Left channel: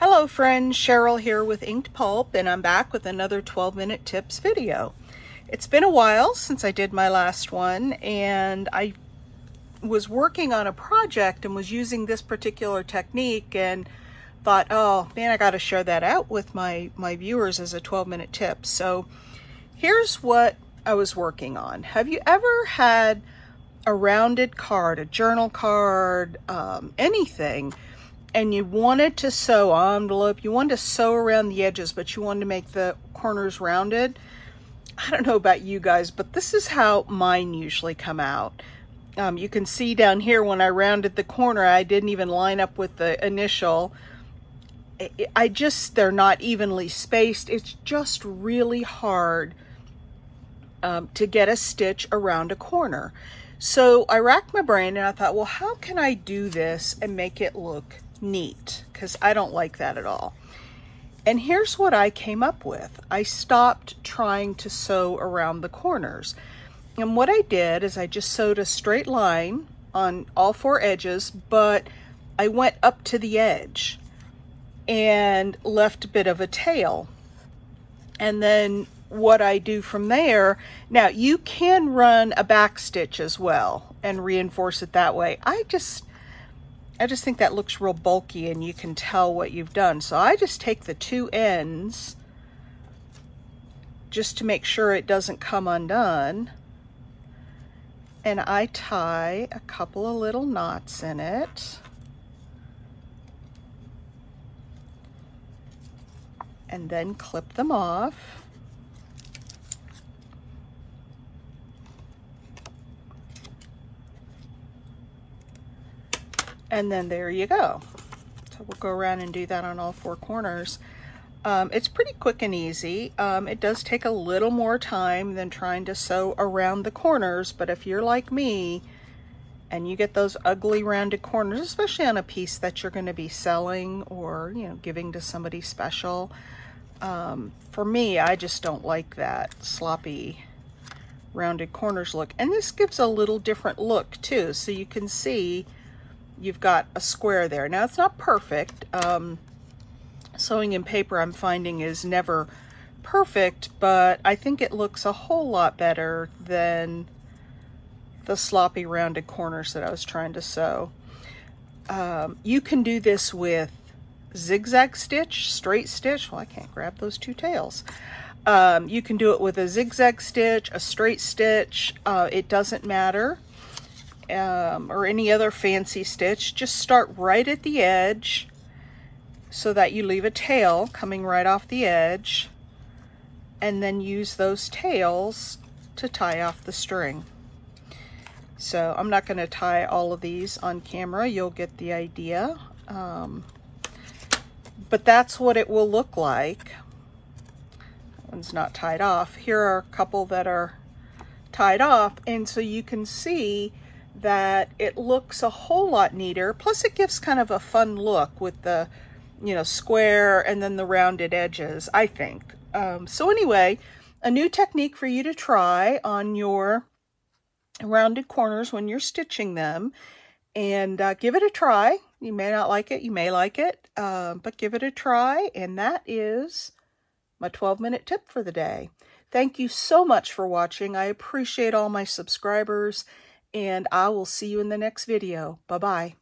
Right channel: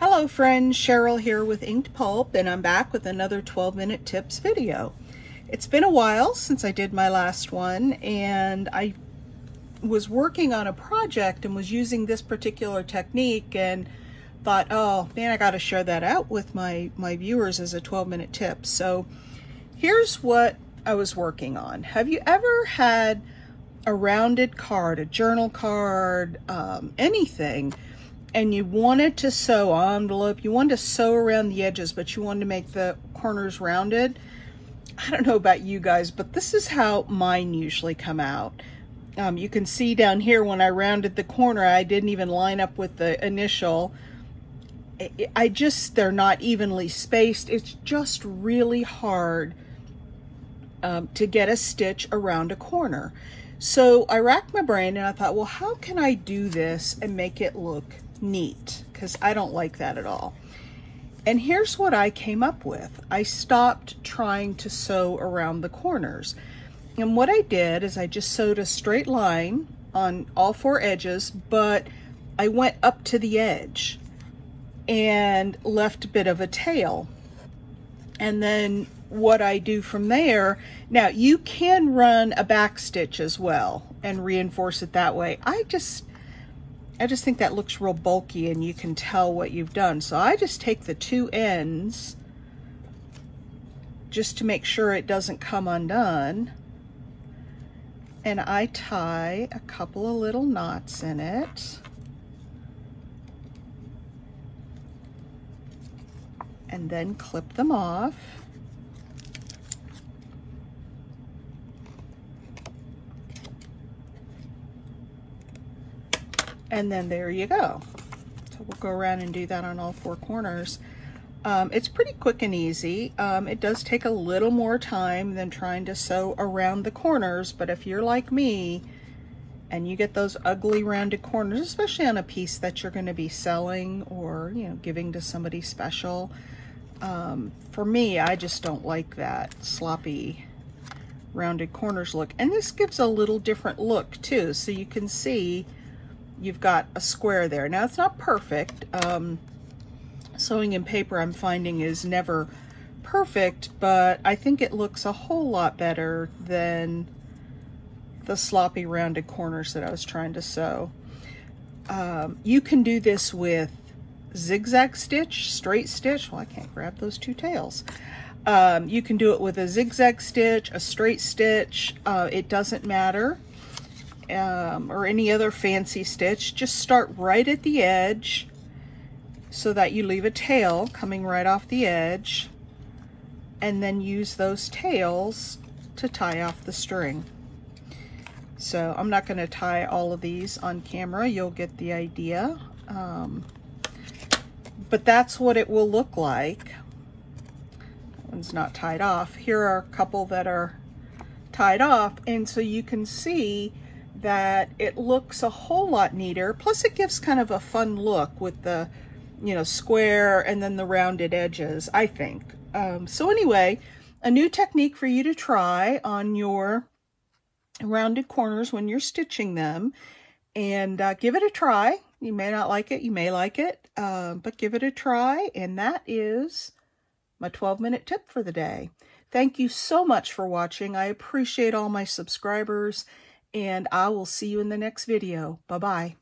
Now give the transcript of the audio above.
Hello friends, Cheryl here with Inked Pulp, and I'm back with another 12-minute tips video. It's been a while since I did my last one, and I was working on a project and was using this particular technique and thought, oh man, I got to share that out with my viewers as a 12-minute tip. So here's what I was working on. Have you ever had a rounded card, a journal card, anything, and you wanted to sew envelope, you wanted to sew around the edges, but you wanted to make the corners rounded? I don't know about you guys, but this is how mine usually come out. You can see down here when I rounded the corner, I didn't even line up with the initial. They're not evenly spaced. It's just really hard to get a stitch around a corner. So I racked my brain and I thought, well, how can I do this and make it look neat? Because I don't like that at all. And here's what I came up with. I stopped trying to sew around the corners. And what I did is I just sewed a straight line on all four edges, but I went up to the edge and left a bit of a tail. And then what I do from there, now you can run a back stitch as well and reinforce it that way. I just think that looks real bulky and you can tell what you've done. So I just take the two ends just to make sure it doesn't come undone. And I tie a couple of little knots in it. And then clip them off. And then there you go. So we'll go around and do that on all four corners. It's pretty quick and easy. It does take a little more time than trying to sew around the corners, but if you're like me and you get those ugly rounded corners, especially on a piece that you're going to be selling or, you know, giving to somebody special, for me, I just don't like that sloppy rounded corners look. And this gives a little different look too, so you can see you've got a square there. Now, it's not perfect. Sewing in paper, I'm finding, is never perfect, but I think it looks a whole lot better than the sloppy rounded corners that I was trying to sew. You can do this with zigzag stitch, straight stitch. Well, I can't grab those two tails. You can do it with a zigzag stitch, a straight stitch. It doesn't matter. Or any other fancy stitch. Just start right at the edge so that you leave a tail coming right off the edge, and then use those tails to tie off the string. So I'm not going to tie all of these on camera. You'll get the idea. But that's what it will look like. That one's not tied off. Here are a couple that are tied off, and so you can see that it looks a whole lot neater. Plus it gives kind of a fun look with the, you know, square and then the rounded edges, I think. So anyway, a new technique for you to try on your rounded corners when you're stitching them, and give it a try. You may not like it, you may like it, but give it a try. And that is my 12-minute tip for the day. Thank you so much for watching. I appreciate all my subscribers, and I will see you in the next video. Bye-bye.